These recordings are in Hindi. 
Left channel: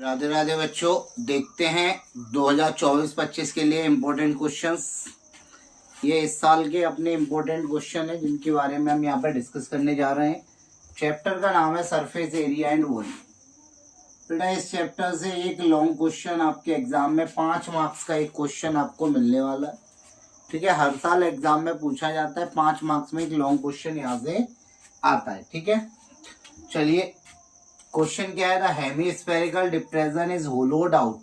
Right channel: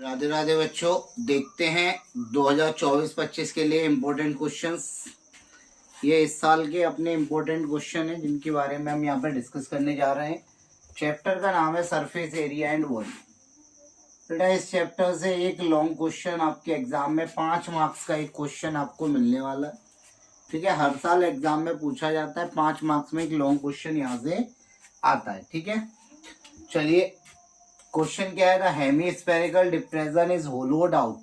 राधे राधे बच्चों, देखते हैं 2024-25 के लिए इम्पोर्टेंट क्वेश्चंस। ये इस साल के अपने इम्पोर्टेंट क्वेश्चन है जिनके बारे में हम यहाँ पर डिस्कस करने जा रहे हैं। चैप्टर का नाम है सरफेस एरिया एंड वॉल्यूम। बेटा इस चैप्टर से एक लॉन्ग क्वेश्चन आपके एग्जाम में 5 मार्क्स का एक क्वेश्चन आपको मिलने वाला है। ठीक है, हर साल एग्जाम में पूछा जाता है, 5 मार्क्स में एक लॉन्ग क्वेश्चन यहाँ से आता है। ठीक है, चलिए क्वेश्चन क्या है। The hemispherical depression is hollowed out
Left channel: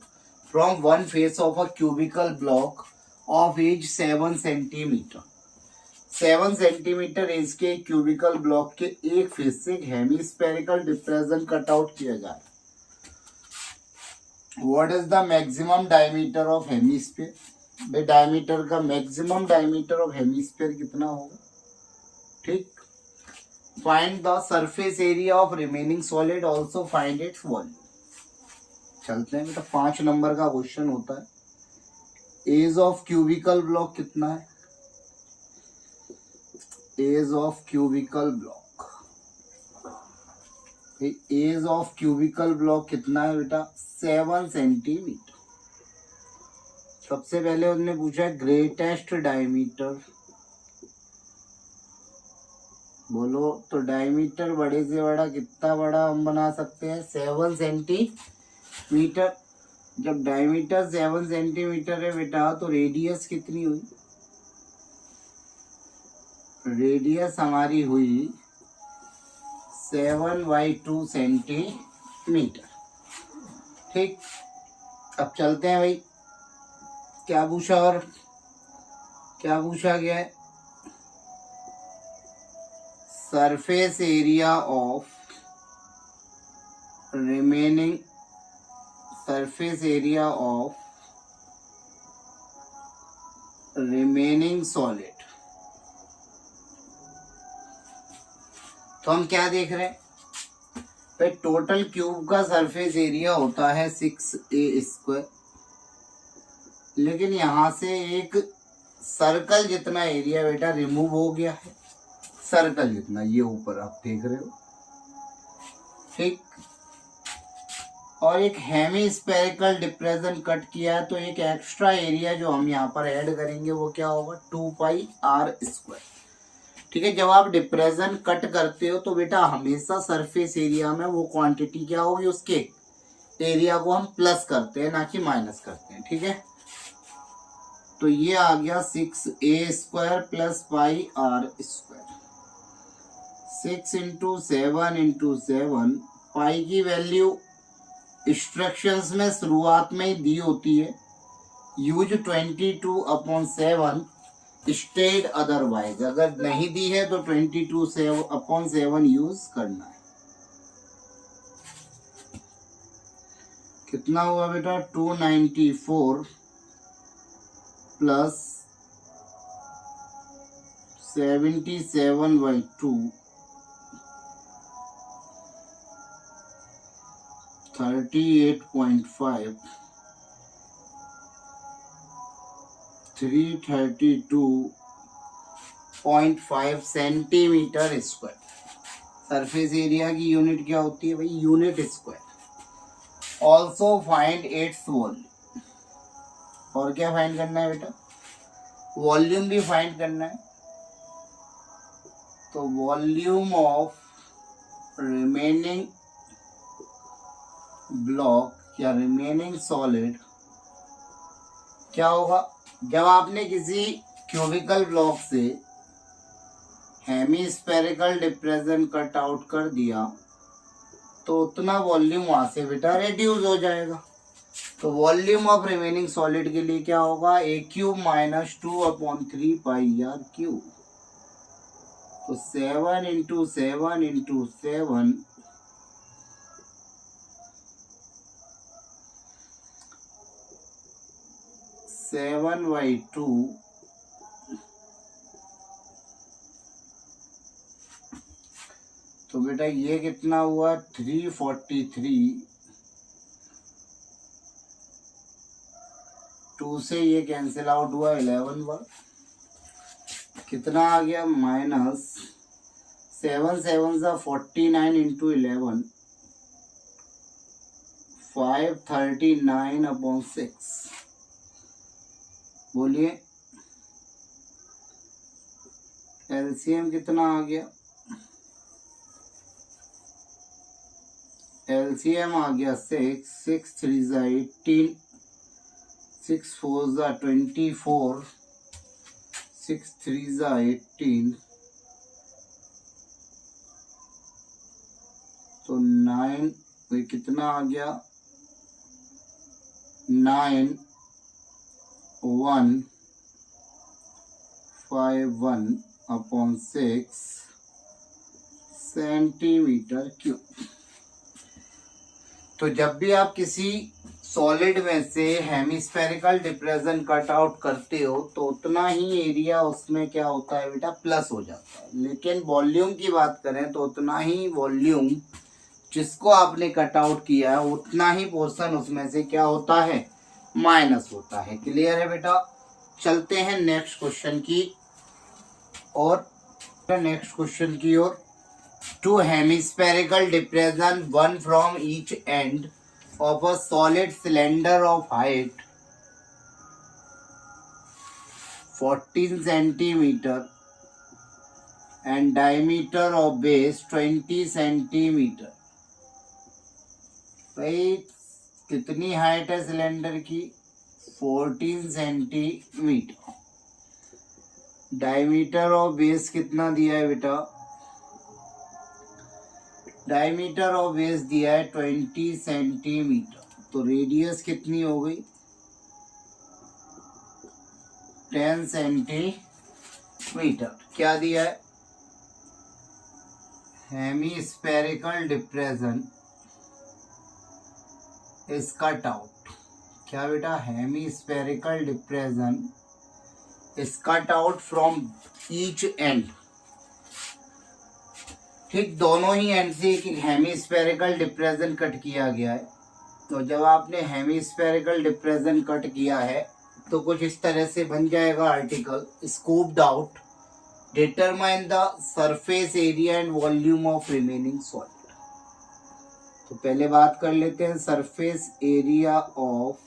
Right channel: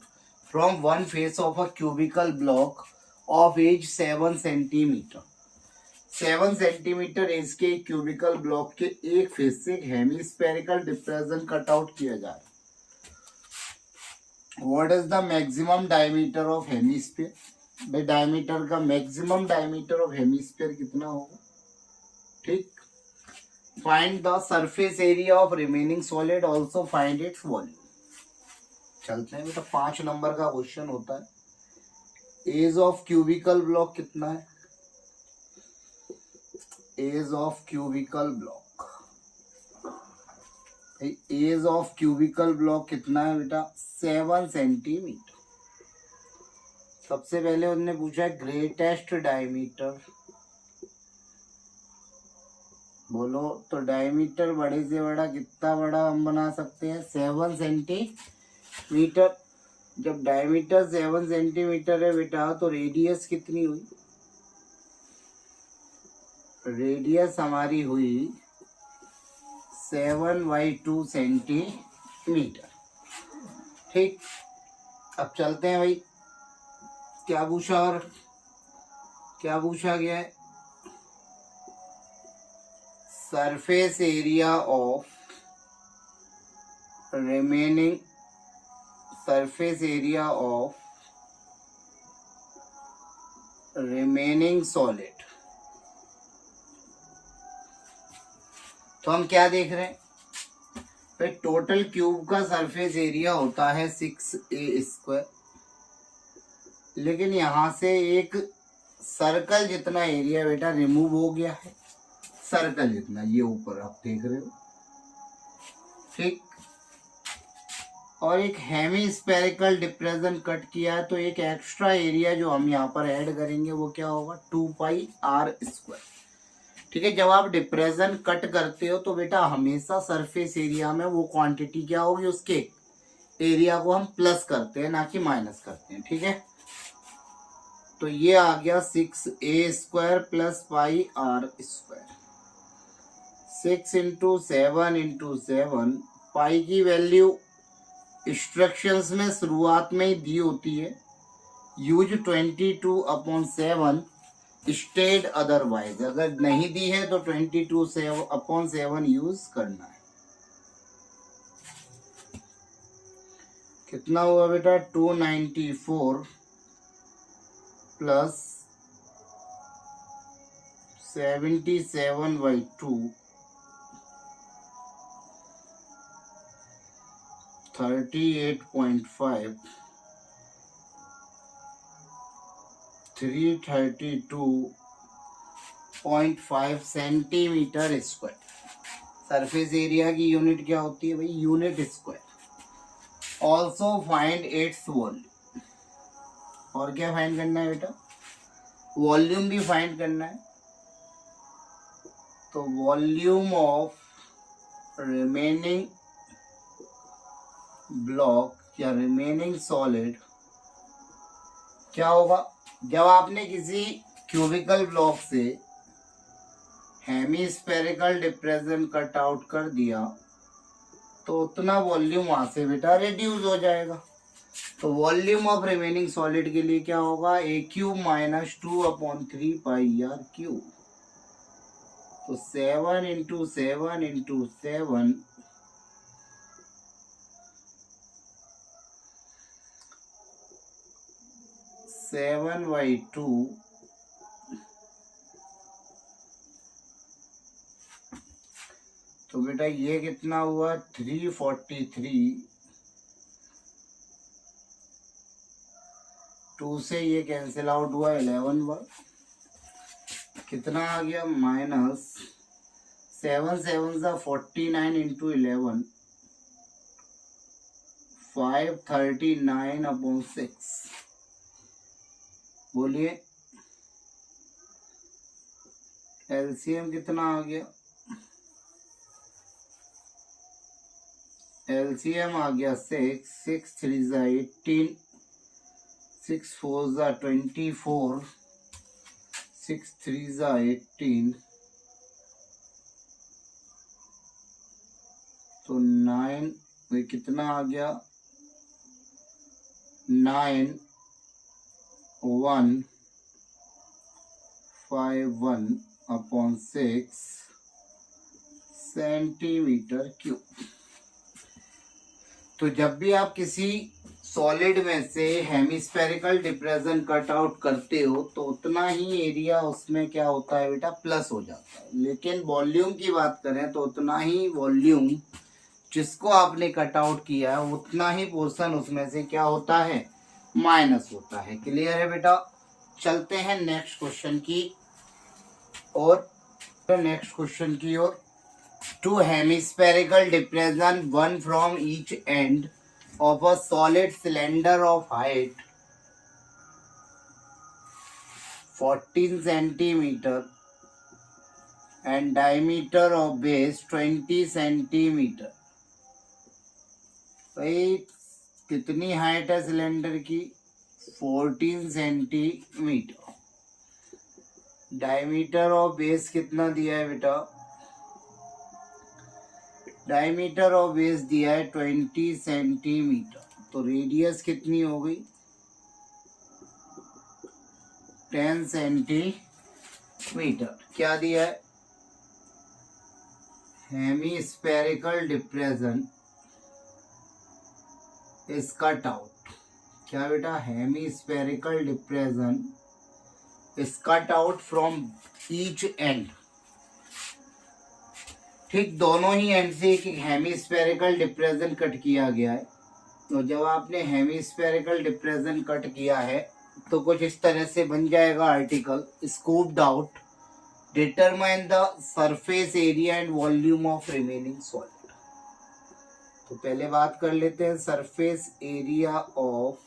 from one face of a cubical block of edge 7 centimetre. 7 centimetre edge के क्यूबिकल ब्लॉक के एक फेस से हेमीस्फेरिकल डिप्रेशन कट आउट किया जा रहा है। What is the maximum diameter of hemisphere. Diameter का मैक्सिमम डायमीटर ऑफ हेमीस्फीयर कितना होगा। ठीक, find the surface area of remaining solid, also find its volume। चलते हैं बेटा, 5 नंबर का क्वेश्चन होता है। एज ऑफ क्यूबिकल ब्लॉक कितना है। Edge of cubical block, edge of cubical block कितना है बेटा, 7 सेंटीमीटर। सबसे पहले उन्होंने पूछा ग्रेटेस्ट डायमीटर, बोलो तो डायमीटर बड़े से बड़ा कितना बड़ा हम बना सकते हैं, 7 सेंटीमीटर। जब डायमीटर 7 सेंटीमीटर है बेटा तो रेडियस कितनी हुई। रेडियस हमारी हुई 7/2 सेंटीमीटर। ठीक, अब चलते हैं भाई, क्या पूछा और क्या पूछा गया है। Surface area of remaining, surface area of remaining solid. तो हम क्या देख रहे हैं भाई, टोटल क्यूब का सरफेस एरिया होता है 6a², लेकिन यहां से एक सर्कल जितना एरिया बेटा रिमूव हो गया है। सर्कल जितना, ये ऊपर आप देख रहे हो। ठीक, और एक हेमीस्फेरिकल डिप्रेशन कट किया, तो एक एक्स्ट्रा एरिया जो हम यहाँ पर ऐड करेंगे वो क्या होगा, 2πr²। ठीक है, जब आप डिप्रेशन कट करते हो तो बेटा हमेशा सरफेस एरिया में वो क्वांटिटी क्या होगी, उसके एरिया को हम प्लस करते हैं ना कि माइनस करते हैं। ठीक है, तो ये आ गया 6a² + πr²। 6 × 7 × 7, पाई की वैल्यू इंस्ट्रक्शंस में शुरुआत में ही दी होती है, यूज 22/7 स्टेड अदरवाइज। अगर नहीं दी है तो 22/7 यूज करना है। कितना हुआ बेटा, 294 + 77/2 38.5 332.5 सेंटीमीटर स्क्वायर। सरफेस एरिया की यूनिट क्या होती है भाई, unit square. Also find its volume. और क्या फाइंड करना है बेटा, वॉल्यूम भी फाइंड करना है। तो वॉल्यूम ऑफ रिमेनिंग ब्लॉक या रिमेनिंग सॉलिड क्या होगा। जब आपने किसी क्यूबिकल ब्लॉक से हेमीस्फेरिकल डिप्रेशन कट आउट कर दिया तो उतना वॉल्यूम वहां से बेटा रिड्यूस हो जाएगा। तो वॉल्यूम ऑफ रिमेनिंग सॉलिड के लिए क्या होगा, a³ - 2/3πr³। तो 7 × 7 × 7 7/2 तो बेटा ये कितना हुआ, 343। 2 से ये कैंसिल आउट हुआ, 11 बार। कितना आ गया, -7 7 49 × 11 539/6। बोलिए एलसीएम कितना आ गया? एलसीएम आ गया 6, 6 3 ज़ा 18, 6 4 ज़ा 24, 6 3 ज़ा 18, तो 9 ये कितना आ गया? 9151/6 सेंटीमीटर क्यूब। तो जब भी आप किसी सॉलिड में से हेमिस्फेरिकल डिप्रेशन कट आउट करते हो तो उतना ही एरिया उसमें क्या होता है बेटा? प्लस हो जाता है। लेकिन वॉल्यूम की बात करें तो उतना ही वॉल्यूम जिसको आपने कट आउट किया है उतना ही पोर्शन उसमें से क्या होता है? माइनस होता है। क्लियर है बेटा? चलते हैं नेक्स्ट क्वेश्चन की और to hemispherical depression one from each and of a solid cylinder of height 14 centimeter and diameter of base 20 centimeter। भाई कितनी हाइट है सिलेंडर की? 14 सेंटीमीटर। डायमीटर ऑफ बेस कितना दिया है बेटा? डायमीटर ऑफ बेस दिया है 20 सेंटीमीटर। तो रेडियस कितनी हो गई? 10 सेंटीमीटर। क्या दिया है? Hemispherical depression is cut out. क्या बेटा? Hemispherical depression is cut out from each and. ठीक, दोनों ही एंड से एक हेमिस्फेरिकल डिप्रेशन कट किया गया है। तो जब आपने हेमिस्फेरिकल डिप्रेशन कट किया है तो कुछ इस तरह से बन जाएगा article. Scooped out determine the surface area and volume of remaining solid. तो पहले बात कर लेते हैं surface area of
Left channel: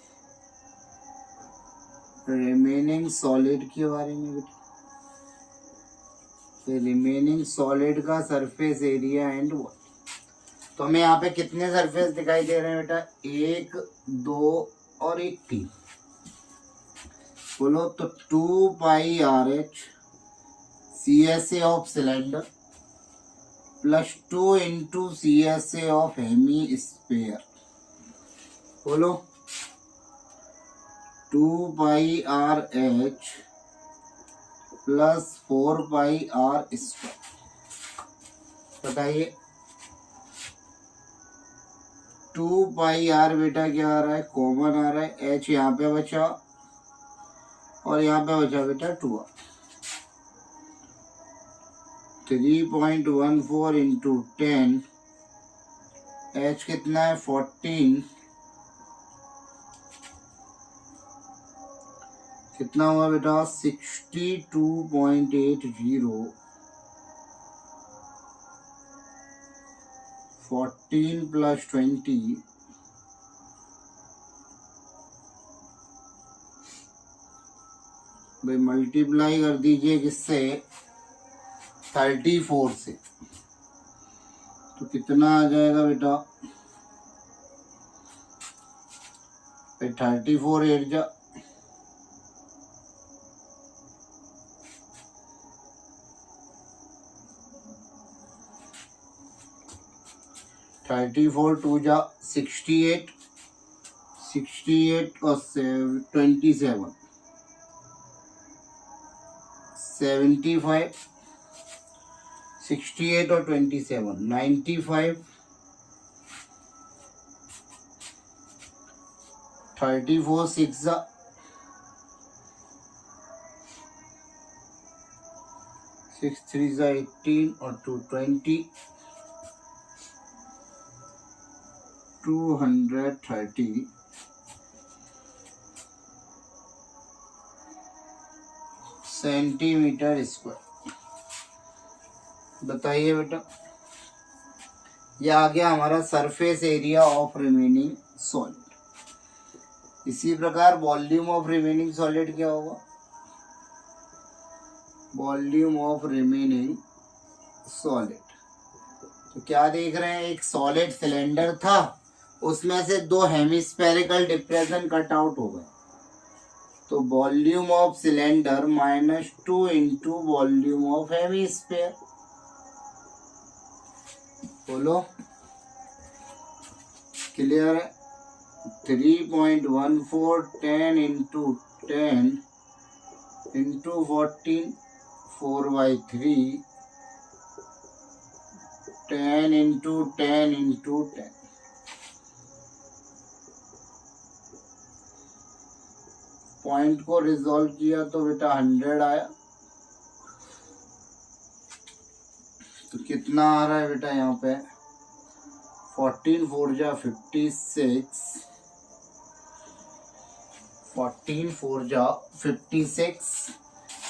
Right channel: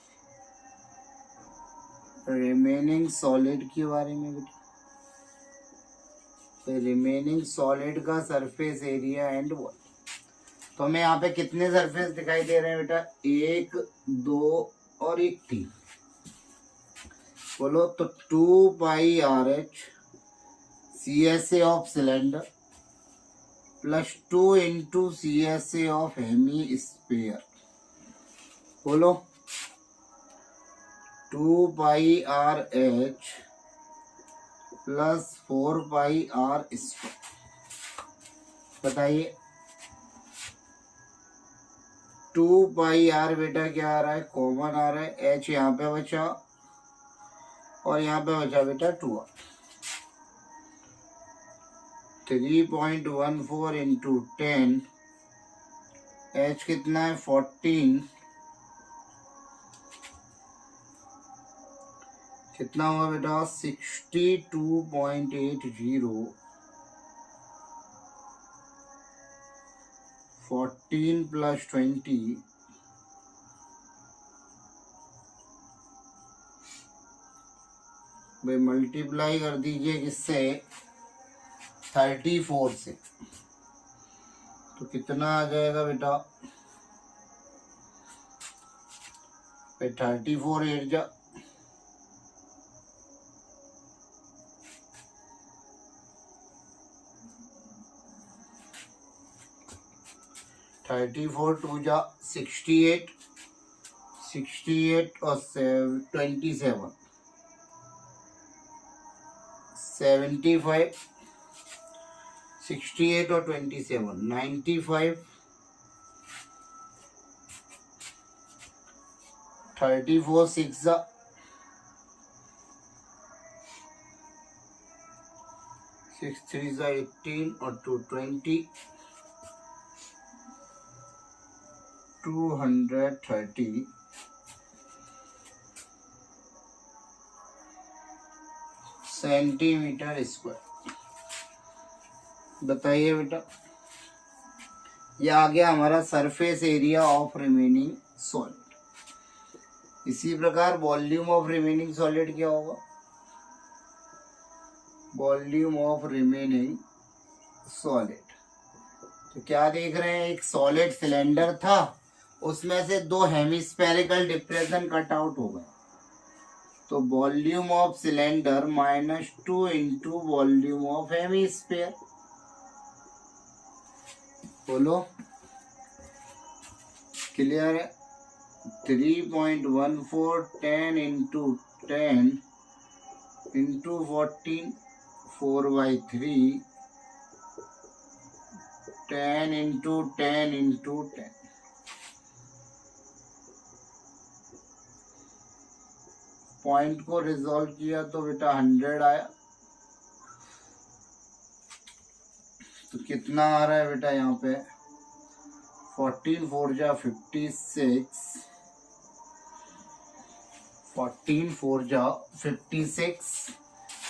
remaining solid के बारे में बेटा। रिमेनिंग सॉलिड का सरफेस एरिया एंड वॉल्यूम। तो हमें यहाँ पे कितने सरफेस दिखाई दे रहे हैं बेटा? 1 2 और 1 3। बोलो तो 2πRH CSA of cylinder plus 2 into CSA of hemisphere. बोलो 2πRH प्लस 4πR स्क्वायर। बताइए 2πR बेटा क्या आ रहा है? कॉमन आ रहा है। H यहाँ पे बचा और यहाँ पे बचा बेटा 2R। 3.14 इंटू 10, H कितना है? 14। कितना हुआ बेटा? 62.80। 14 प्लस 20 भाई मल्टीप्लाई कर दीजिए किससे? 34 से। तो कितना आ जाएगा बेटा? 34 8 जा 34 2 जा 68, 68 और 27 75, 68 और 27 95, 34 6 जा 6 3 जा 18 और 220 230 सेंटीमीटर स्क्वायर। बताइए बेटा, यह आ गया हमारा surface area of remaining solid. इसी प्रकार वॉल्यूम ऑफ रिमेनिंग सॉलिड क्या होगा, वॉल्यूम ऑफ रिमेनिंग सॉलिड। तो क्या देख रहे हैं, एक सॉलिड सिलेंडर था, उसमें से दो हेमिस्फेरिकल डिप्रेशन कट आउट हो गए, तो volume of cylinder -2 into volume of hemisphere. बोलो क्लियर है। 3.14 10 into 10 into 14 4/3 10 into 10 into 10। Point को रिजॉल्व किया तो बेटा 100 आया। तो कितना आ रहा है बेटा यहाँ पे, 14 4 जा 56, 14 4 जा 56,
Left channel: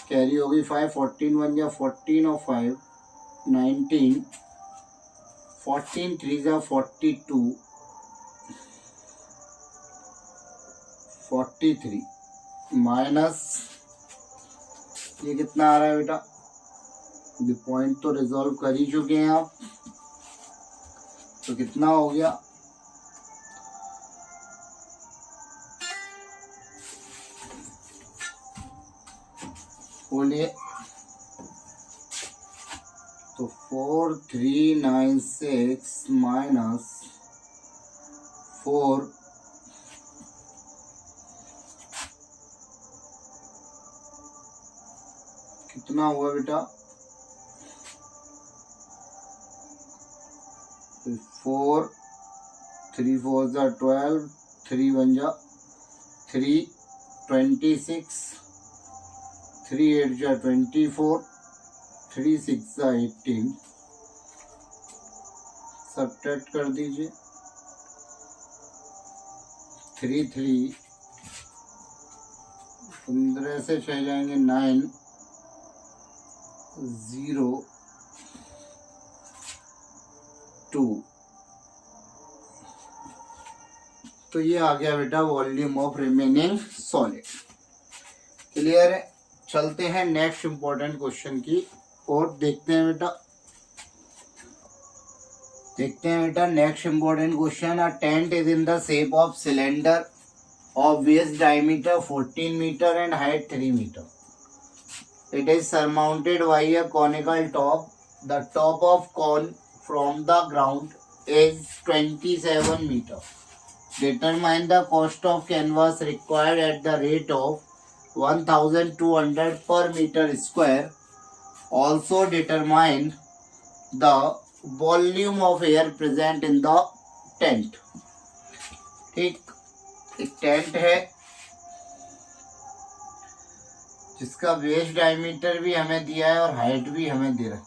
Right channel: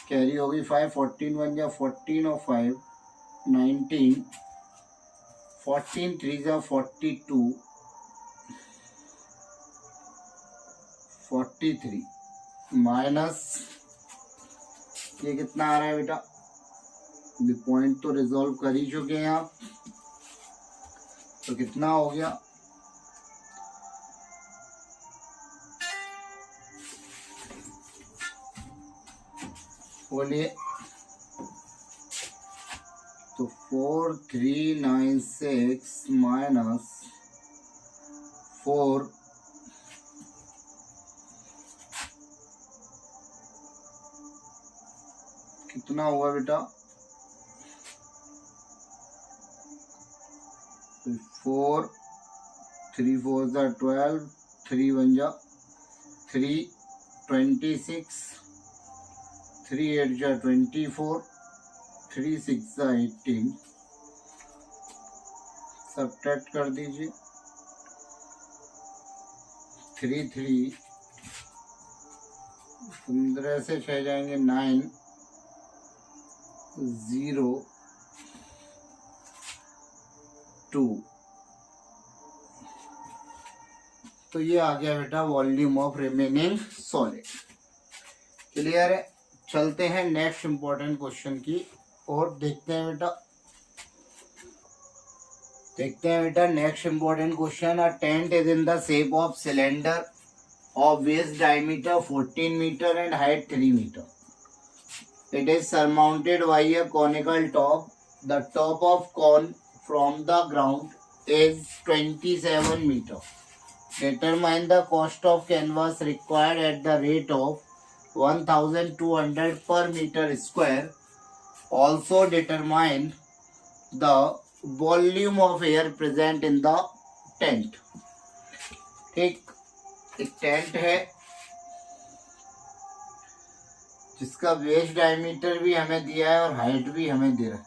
कैरी होगी 5, 14 1 जा 14 और 5 19, 14 3 जा 42, 43 माइनस ये कितना आ रहा है बेटा, ये पॉइंट तो रिजॉल्व कर ही चुके हैं आप, तो कितना हो गया, बोलिए। तो 4396 माइनस 4 कितना हुआ बेटा, 4 3 4 जा 12, 3 1 जा 3, 26, 3 8 जा 24, 3 6 जा 18, सब्ट्रैक्ट कर दीजिए, 3 3 15 से 6 जाएंगे 9 0 2। तो ये आ गया बेटा volume of remaining solid. Clear है। चलते हैं नेक्स्ट इंपॉर्टेंट क्वेश्चन की और देखते हैं बेटा next important question. A tent is in the shape of cylinder of base diameter 14 metre and height 3 metre. It is surmounted by a conical top. The top of cone from the ground is 27 meter. Determine the cost of canvas required at the rate of 1200 per meter square. Also determine the volume of air present in the tent. ठीक, एक टेंट है जिसका बेस डायमीटर भी हमें दिया है और हाइट भी हमें दे रखी है।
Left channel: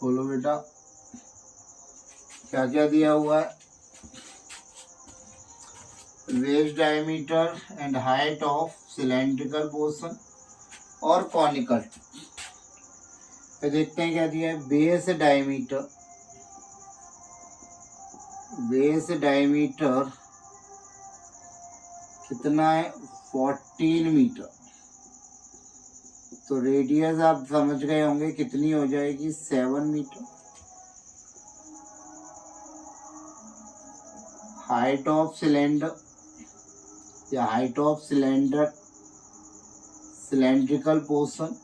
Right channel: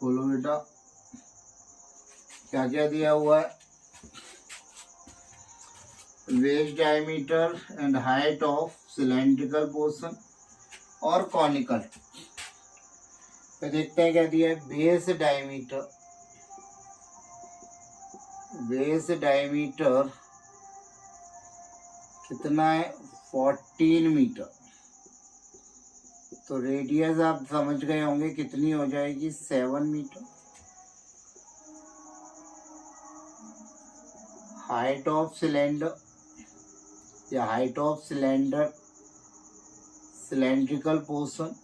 बोलो बेटा क्या क्या दिया हुआ है, base diameter and height of cylindrical portion और कॉनिकल। तो देखते हैं क्या दिया है। बेस डायमीटर कितना है, 14 मीटर। तो रेडियस आप समझ गए होंगे कितनी हो जाएगी, 7 मीटर। हाइट ऑफ सिलेंडर या height of cylinder cylindrical portion,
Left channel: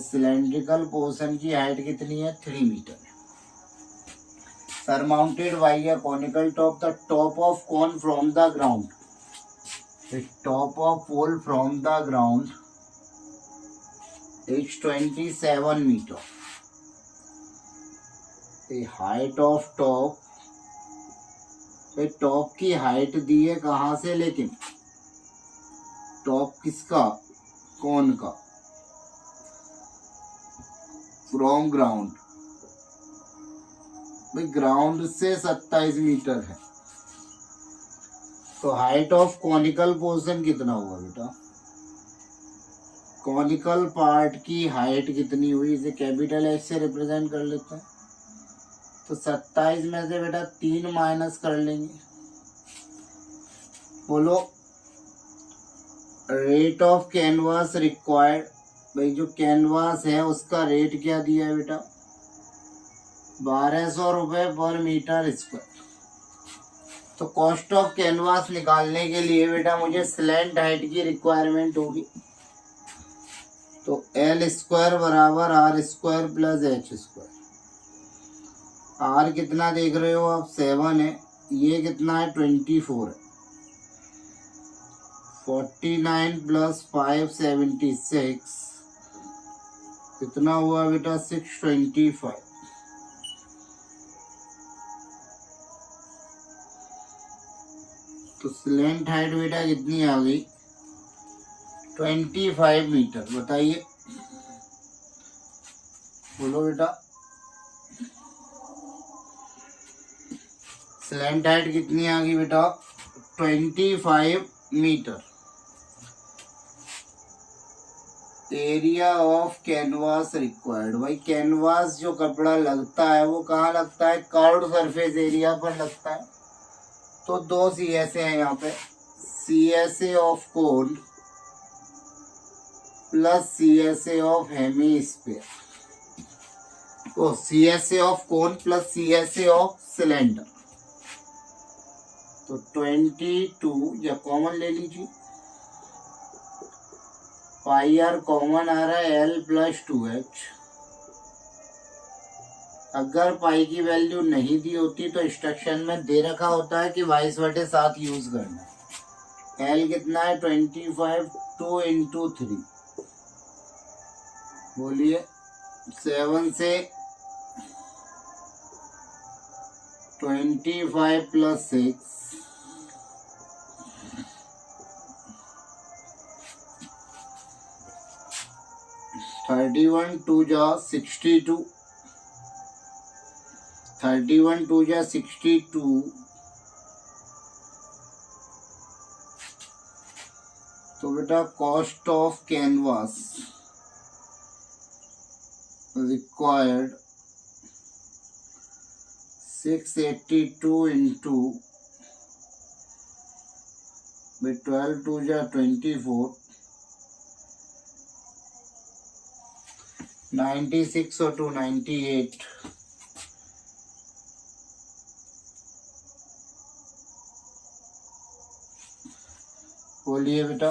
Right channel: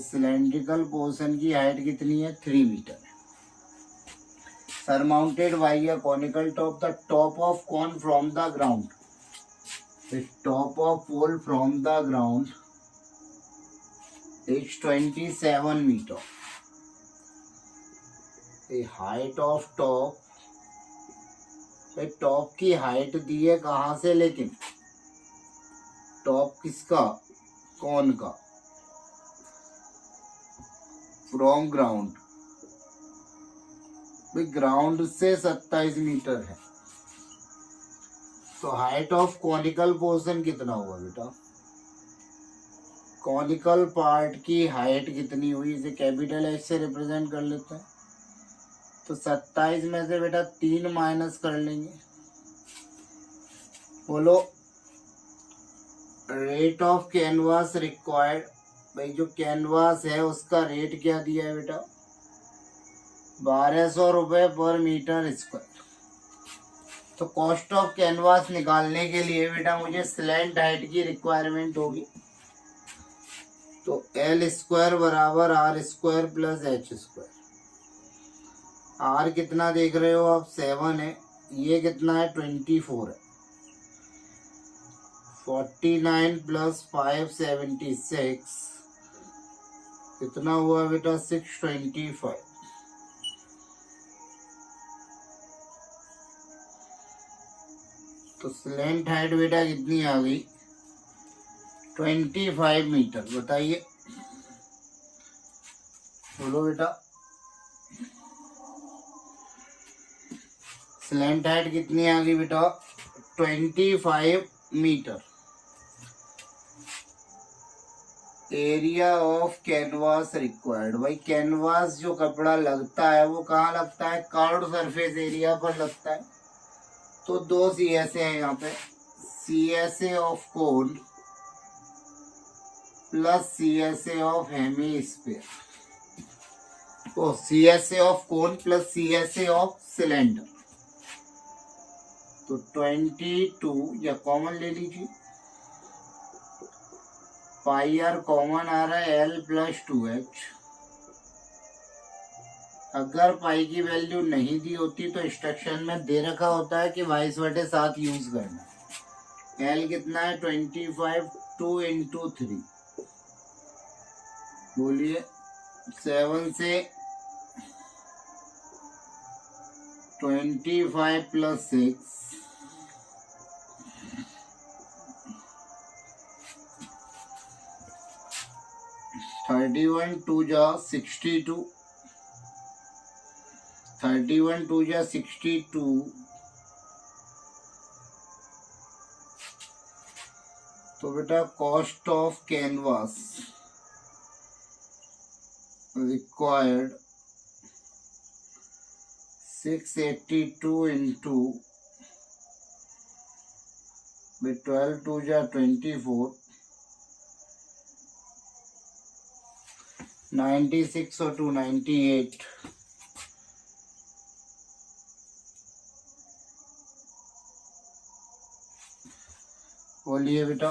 cylindrical portion की हाइट कितनी है, 3 metre. Surmounted by a conical top, the top of cone from the ground. The top of pole from the ground is 27 meter. The height of top, the top की हाइट दी है कहाँ से, लेकिन टॉप किसका, कौन का, फ्रॉम ग्राउंड। ग्राउंड से 27 मीटर है। तो हाइट ऑफ कॉनिकल पोर्शन कितना हुआ बेटा, कॉनिकल पार्ट की हाइट कितनी हुई, इसे कैपिटल एच से रिप्रेजेंट कर लेते हैं। तो 27 में से बेटा 3 माइनस कर लेंगे। बोलो रेट ऑफ कैनवास रिक्वायर्ड, भाई जो कैनवास है उसका रेट क्या दिया है बेटा, 1200 रुपये पर मीटर स्क्वायर। तो कॉस्ट ऑफ कैनवास निकालने के लिए बेटा मुझे स्लैंट हाइट की रिक्वायरमेंट होगी। तो एल स्क्वायर बराबर R square plus H square. R कितना देख रहे हो आप, 7 है, ये कितना है 24 है, 49 प्लस 5 76 कितना हुआ बेटा 625। तो स्लैंट हाइट बेटा कितनी आ गई 25 मीटर। बताइए, बोलो बेटा स्लैंट हाइट कितनी आ गई बेटा 25 metre. Area of canvas required, भाई कैनवास जो कपड़ा लगता है वो कहाँ लगता है, कर्व्ड सरफेस एरिया पर लगता है। तो 2 CSA है यहाँ पे, CSA of cone plus CSA of hemisphere, O CSA of cone plus CSA of cylinder. तो 22 या कॉमन ले लीजिए, पाई आर कॉमन आ रहा है L प्लस 2H। अगर पाई की वैल्यू नहीं दी होती तो इंस्ट्रक्शन में दे रखा होता है कि 22/7 यूज करना है। L कितना है 25, 2 इंटू 3, बोलिए 7 से 25 प्लस 6 31 2 जा 62, 31 2 जा 62। तो बेटा cost of canvas required 682 into 12 2 जा 24, 96 और 2 98। बोलिए बेटा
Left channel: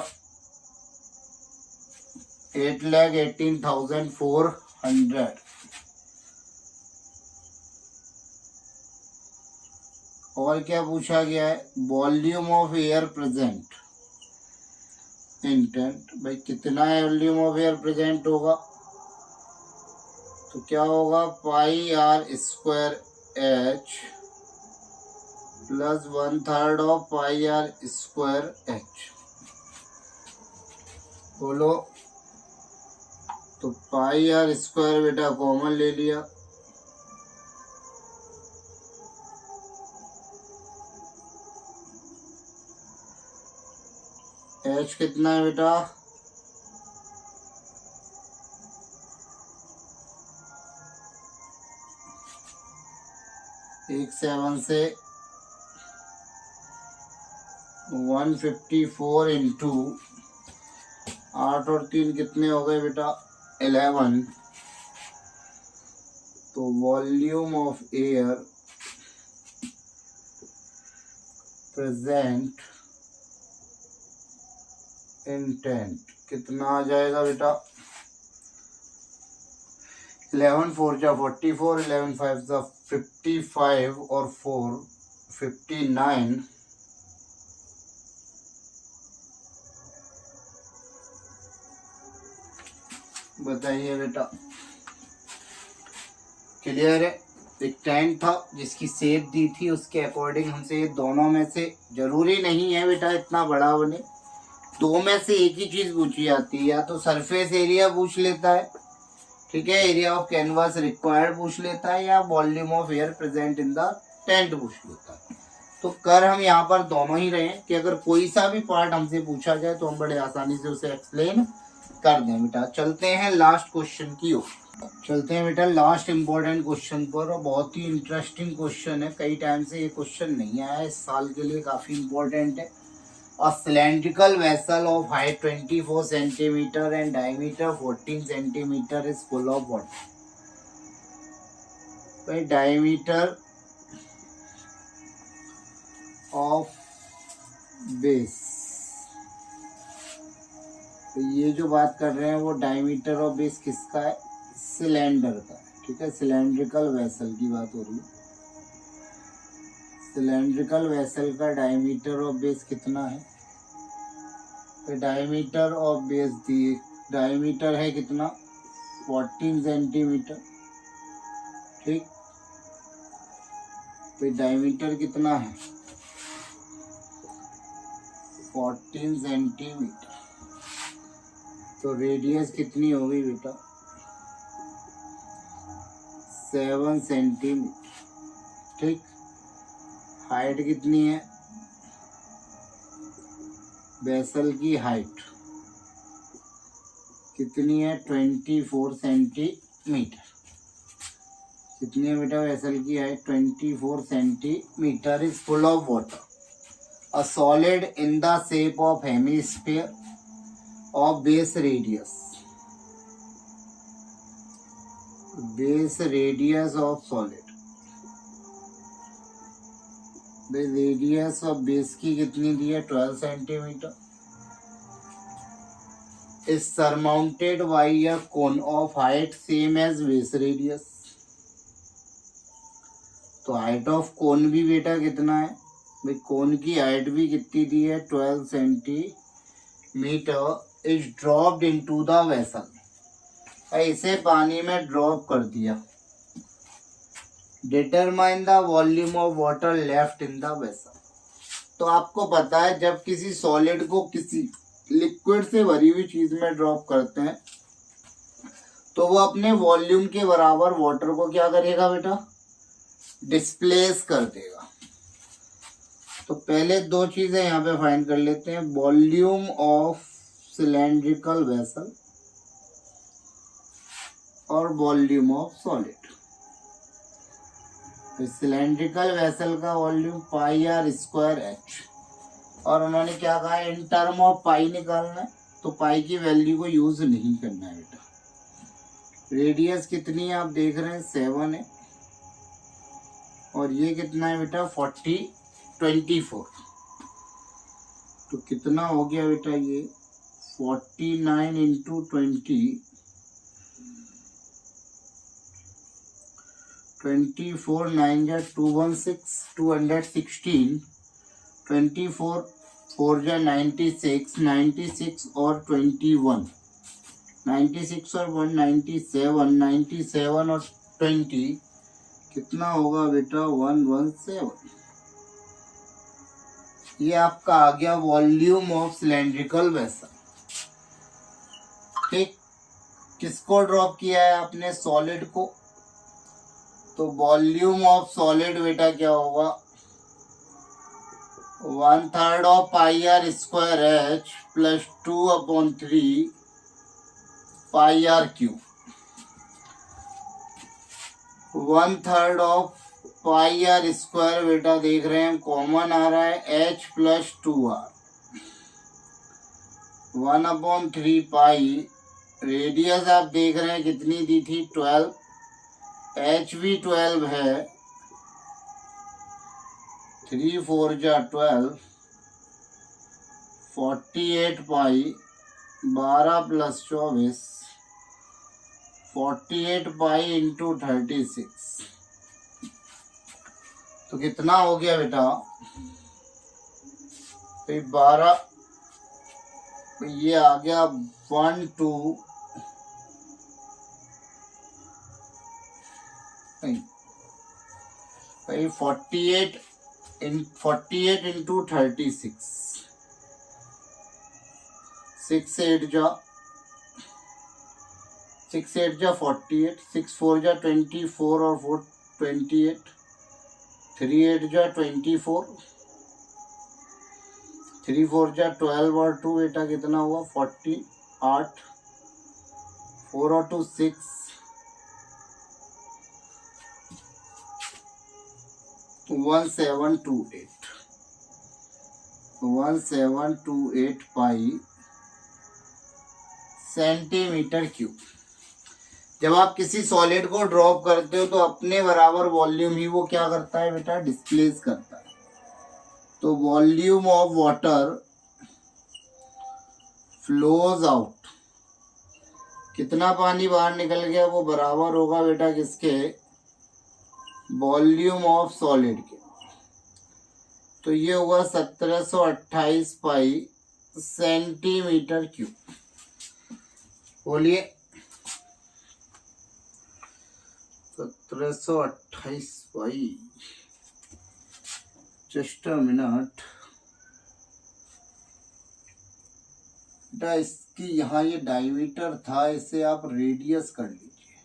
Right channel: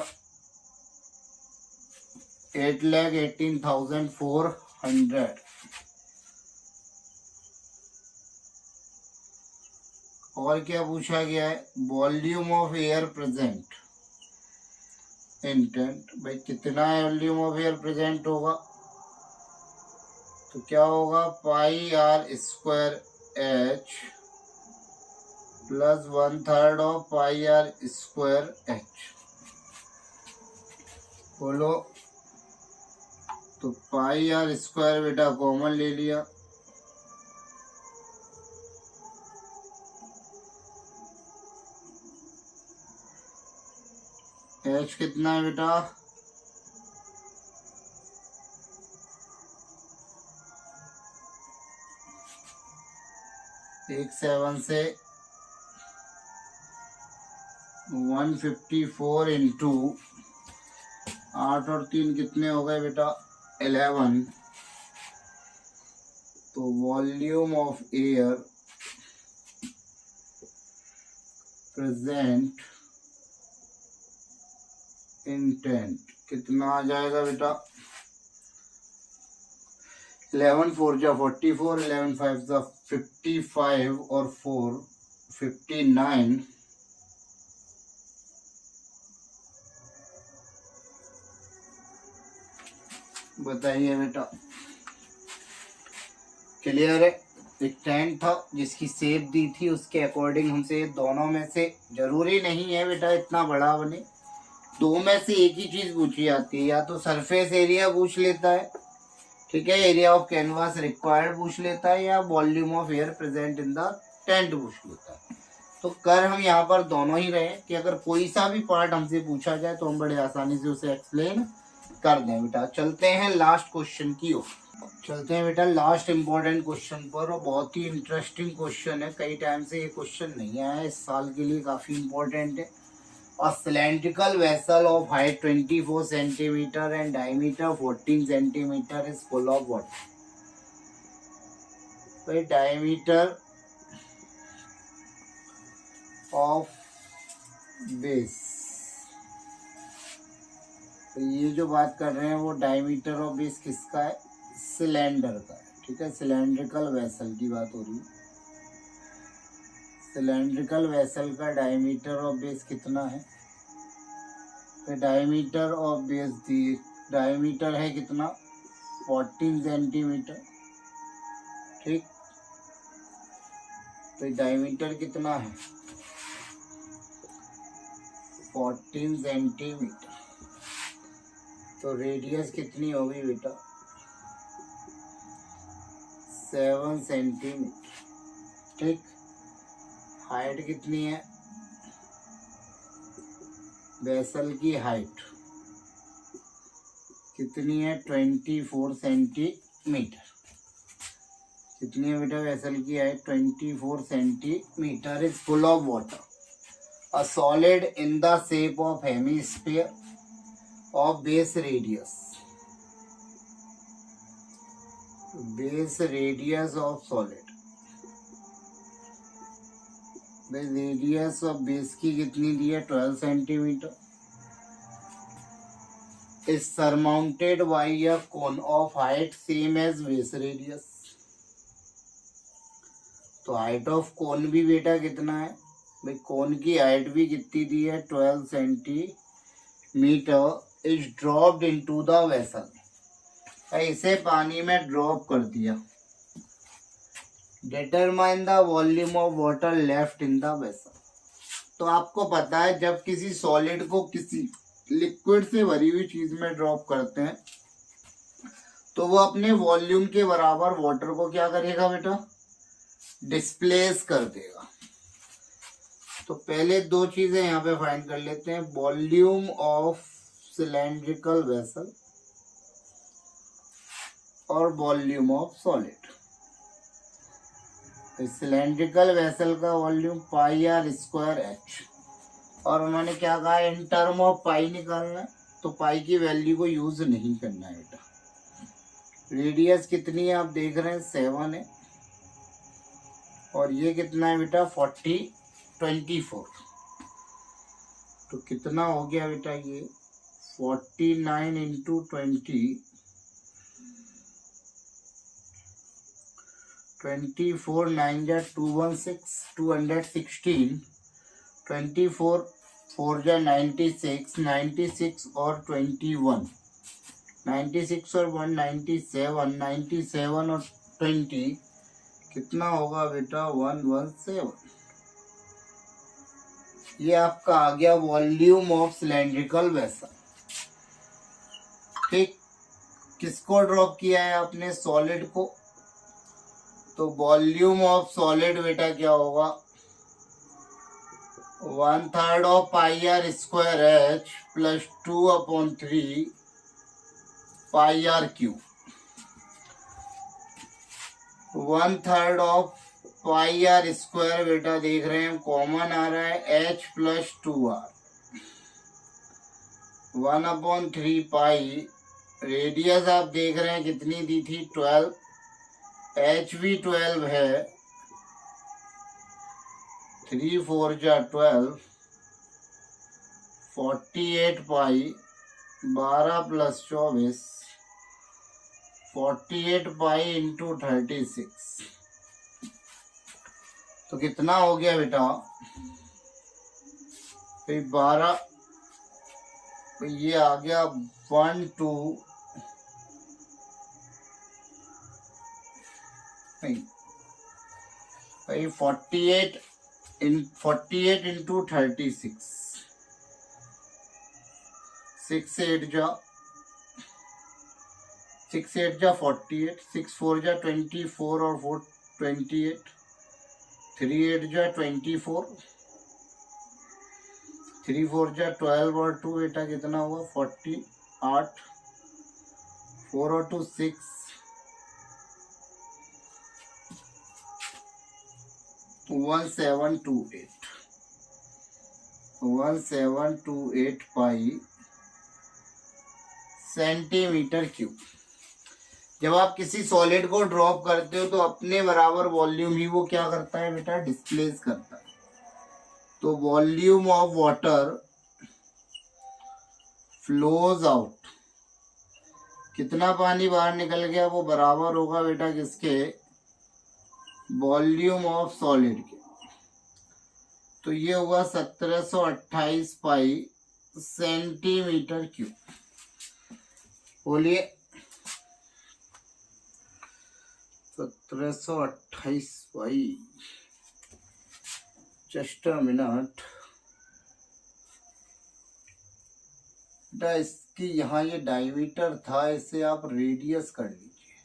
8,18,400। और क्या पूछा गया है, volume of air present in tent. भाई कितना वॉल्यूम ऑफ एयर प्रेजेंट होगा, तो क्या होगा pi R square H plus 1/3 of pi R square H। बोलो, तो पाई आर स्क्वायर बेटा कॉमन ले लिया, H कितना है बेटा 7 से 154 इंटू 8 और 3 कितने हो गए बेटा 11। तो volume of air present in tent कितना आ जाएगा बेटा 11 4 जा 44, 11 5 जा 55 और 4 59। बताइए बेटा, क्लियर है। एक टेंट था जिसकी शेप दी थी, उसके अकॉर्डिंग हमसे दोनों में से, जरूरी नहीं है बेटा इतना बड़ा बने, दो में से एक ही चीज पूछी जाती है, या तो सरफेस एरिया पूछ लेता है, ठीक है, एरिया ऑफ कैनवास रिक्वायर्ड पूछ लेता है, या volume of air present in the tent पूछ लेता है। तो कर हम यहाँ पर दोनों ही रहे हैं कि अगर कोई सा भी पार्ट हमसे पूछा जाए तो हम बड़े आसानी से उसे एक्सप्लेन कर दें। बेटा चलते हैं लास्ट क्वेश्चन की ओर। चलते हैं बेटा लास्ट इम्पोर्टेंट क्वेश्चन पर, और बहुत ही इंटरेस्टिंग क्वेश्चन है, कई टाइम से ये क्वेश्चन नहीं आया है, इस साल के लिए काफ़ी इम्पोर्टेंट है। A cylindrical vessel of height 24 centimeter and diameter 14 centimeter is full of water. By diameter of base, तो ये जो बात कर रहे हैं वो डायमीटर ऑफ बेस किसका है? सिलेंडर का है, ठीक है। सिलेंड्रिकल वेसल की बात हो रही है। सिलेंड्रिकल वेसल का डायमीटर ऑफ बेस कितना है? तो diameter of base the, diameter है कितना? 14 सेंटीमीटर, ठीक। तो डायमीटर कितना है? 14 सेंटीमीटर। तो रेडियस कितनी होगी बेटा? 7 सेंटीमीटर, ठीक। हाइट कितनी है? वेसल की हाइट कितनी है? 24 सेंटीमीटर। कितनी है बेटा वेसल की height? 24 centimetre is full of water. A solid in the shape of hemisphere of base radius, base radius of solid, radius of base की कितनी दी है? 12 centimetre. Is surmounted by a cone of height same as base radius. तो हाइट ऑफ कोन भी बेटा कितना है भाई? कोन की हाइट भी कितनी दी है? 12 centimetre. Is dropped into the vessel, इसे पानी में ड्रॉप कर दिया। Determine the volume of water left in the vessel. तो आपको पता है जब किसी सॉलिड को किसी लिक्विड से भरी हुई चीज में ड्रॉप करते हैं तो वो अपने वॉल्यूम के बराबर वाटर को क्या करेगा बेटा? डिस्प्लेस कर देगा। तो पहले दो चीजें यहाँ पे फाइंड कर लेते हैं, वॉल्यूम ऑफ सिलेंड्रिकल वेसल और volume of solid. Cylindrical vessel का volume pi R square H, और उन्होंने क्या कहा? इन टर्म ऑफ पाई निकालना है, तो पाई की वैल्यू को यूज नहीं करना है बेटा। रेडियस कितनी है आप देख रहे हैं? 7 है, और ये कितना है बेटा? 24। तो कितना हो गया बेटा ये? 49 इंटू 20, 24 9 जा 216, 216, 24 4 जा 96, 96 और 21, 96 और 197, 97 और 20 कितना होगा बेटा? 117। ये आपका आ गया वॉल्यूम ऑफ सिलेंड्रिकल वेसल, ठीक। किसको ड्रॉप किया है आपने? सॉलिड को। तो वॉल्यूम ऑफ सॉलिड बेटा क्या होगा? 1/3 of pi R square H plus 2/3 pi R cube. 1/3 of pi R square बेटा देख रहे हैं कॉमन आ रहा है, एच प्लस 2r। 1/3 पाई, रेडियस आप देख रहे हैं कितनी दी थी? 12, एच भी 12 है, 3 4 जा 12, 48 पाई, 12 प्लस 24, 48 पाई इंटू 36। तो कितना हो गया बेटा? 12, ये आ गया 1 2 भाई 48 इंटू 36, 6 8 जा 48, 6 4 जा 24 और 4 28, 3 8 जा 24, 3 4 जा 12 और 2 बेटा कितना हुआ? 48, 4 और 2 6, 1728 पाई सेंटीमीटर क्यूब। जब आप किसी सॉलिड को ड्रॉप करते हो तो अपने बराबर वॉल्यूम ही वो क्या करता है बेटा, डिस्प्लेस करता है। तो volume of water flows out, कितना पानी बाहर निकल गया वो बराबर होगा बेटा किसके, वॉल्यूम ऑफ सॉलिड के। तो ये होगा 1728 पाई सेंटीमीटर क्यूब। बोलिए 1728 पाई, जस्ट अ मिनट बेटा। इसकी यहाँ ये डायमीटर था, इसे आप रेडियस कर लीजिए,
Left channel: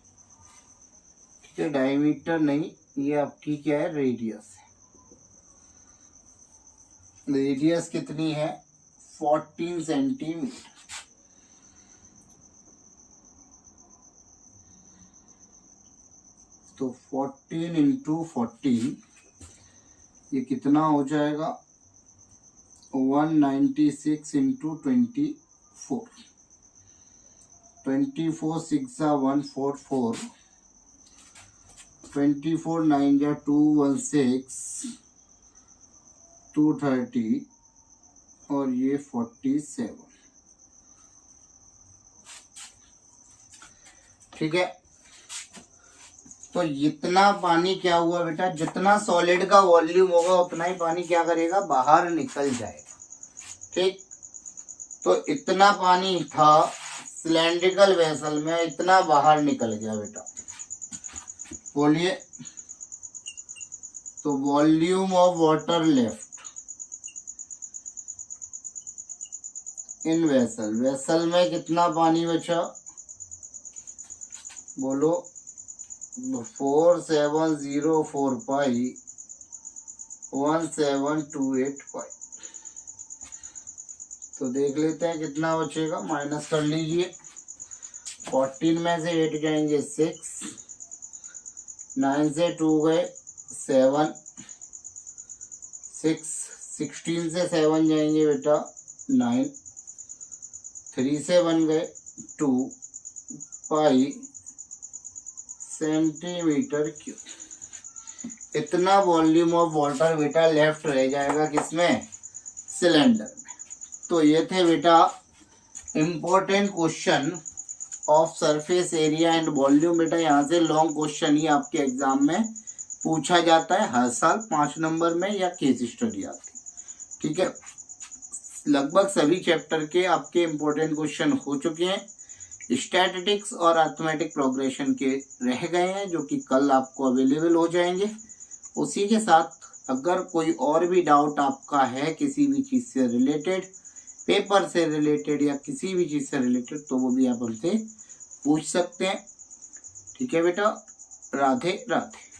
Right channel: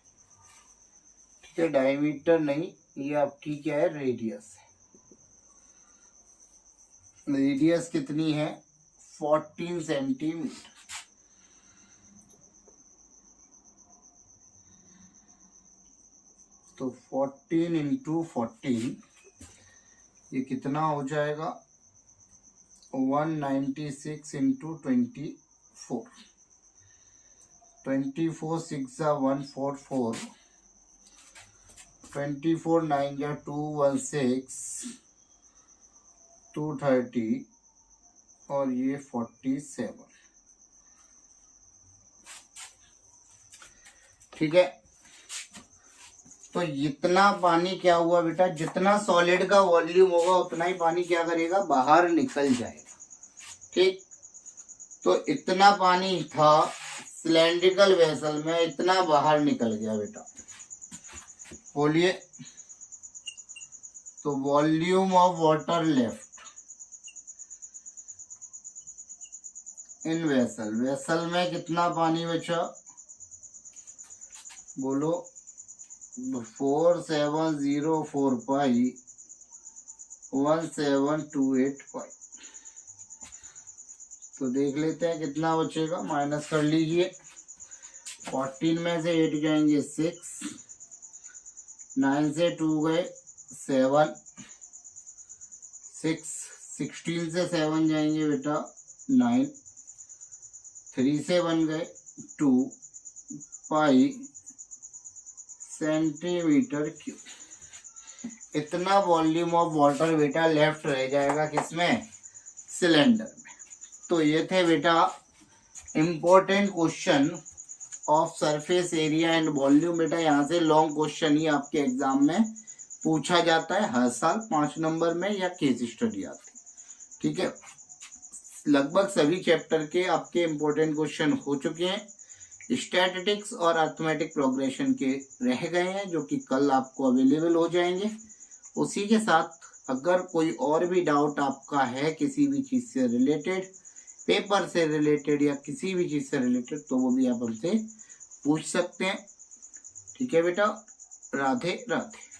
ठीक है। डायमीटर नहीं, ये आपकी क्या है, रेडियस है। रेडियस कितनी है, 14 सेंटीमीटर। तो 14 इंटू 14 ये कितना हो जाएगा, 196 इंटू 24, 24 6 144, 24 9 216, 230 और ये 47, ठीक है। तो जितना पानी क्या हुआ बेटा, जितना सॉलिड का वॉल्यूम होगा उतना ही पानी क्या करेगा, बाहर निकल जाएगा, ठीक। तो इतना पानी था सिलेंड्रिकल वेसल में, इतना बाहर निकल गया बेटा। बोलिए, तो volume of water left in vessel, vessel में कितना पानी बचा, बोलो 4704 पाई 1728 पाई। तो देख लेते हैं कितना बचेगा, माइनस कर लीजिए। 14 में से 8 जाएंगे 6, 9 से 2 गए 7, 16 से 7 जाएंगे बेटा 9, 3 से 1 गए 2 पाई सेंटीमीटर क्यूब। इतना वॉल्यूम ऑफ वाटर बेटा लेफ्ट रह जाएगा किसमें, सिलेंडर में। तो ये थे बेटा important question of surface area and volume. बेटा यहाँ से लॉन्ग क्वेश्चन ही आपके एग्जाम में पूछा जाता है हर साल 5 नंबर में, या केस स्टडी आती, ठीक है। लगभग सभी चैप्टर के आपके इम्पोर्टेंट क्वेश्चन हो चुके हैं। स्टैटिस्टिक्स और अरिथमेटिक प्रोग्रेशन के रह गए हैं, जो कि कल आपको अवेलेबल हो जाएंगे। उसी के साथ अगर कोई और भी डाउट आपका है किसी भी चीज़ से रिलेटेड, पेपर से रिलेटेड या किसी भी चीज़ से रिलेटेड, तो वो भी आप हमसे पूछ सकते हैं, ठीक है बेटा। राधे राधे।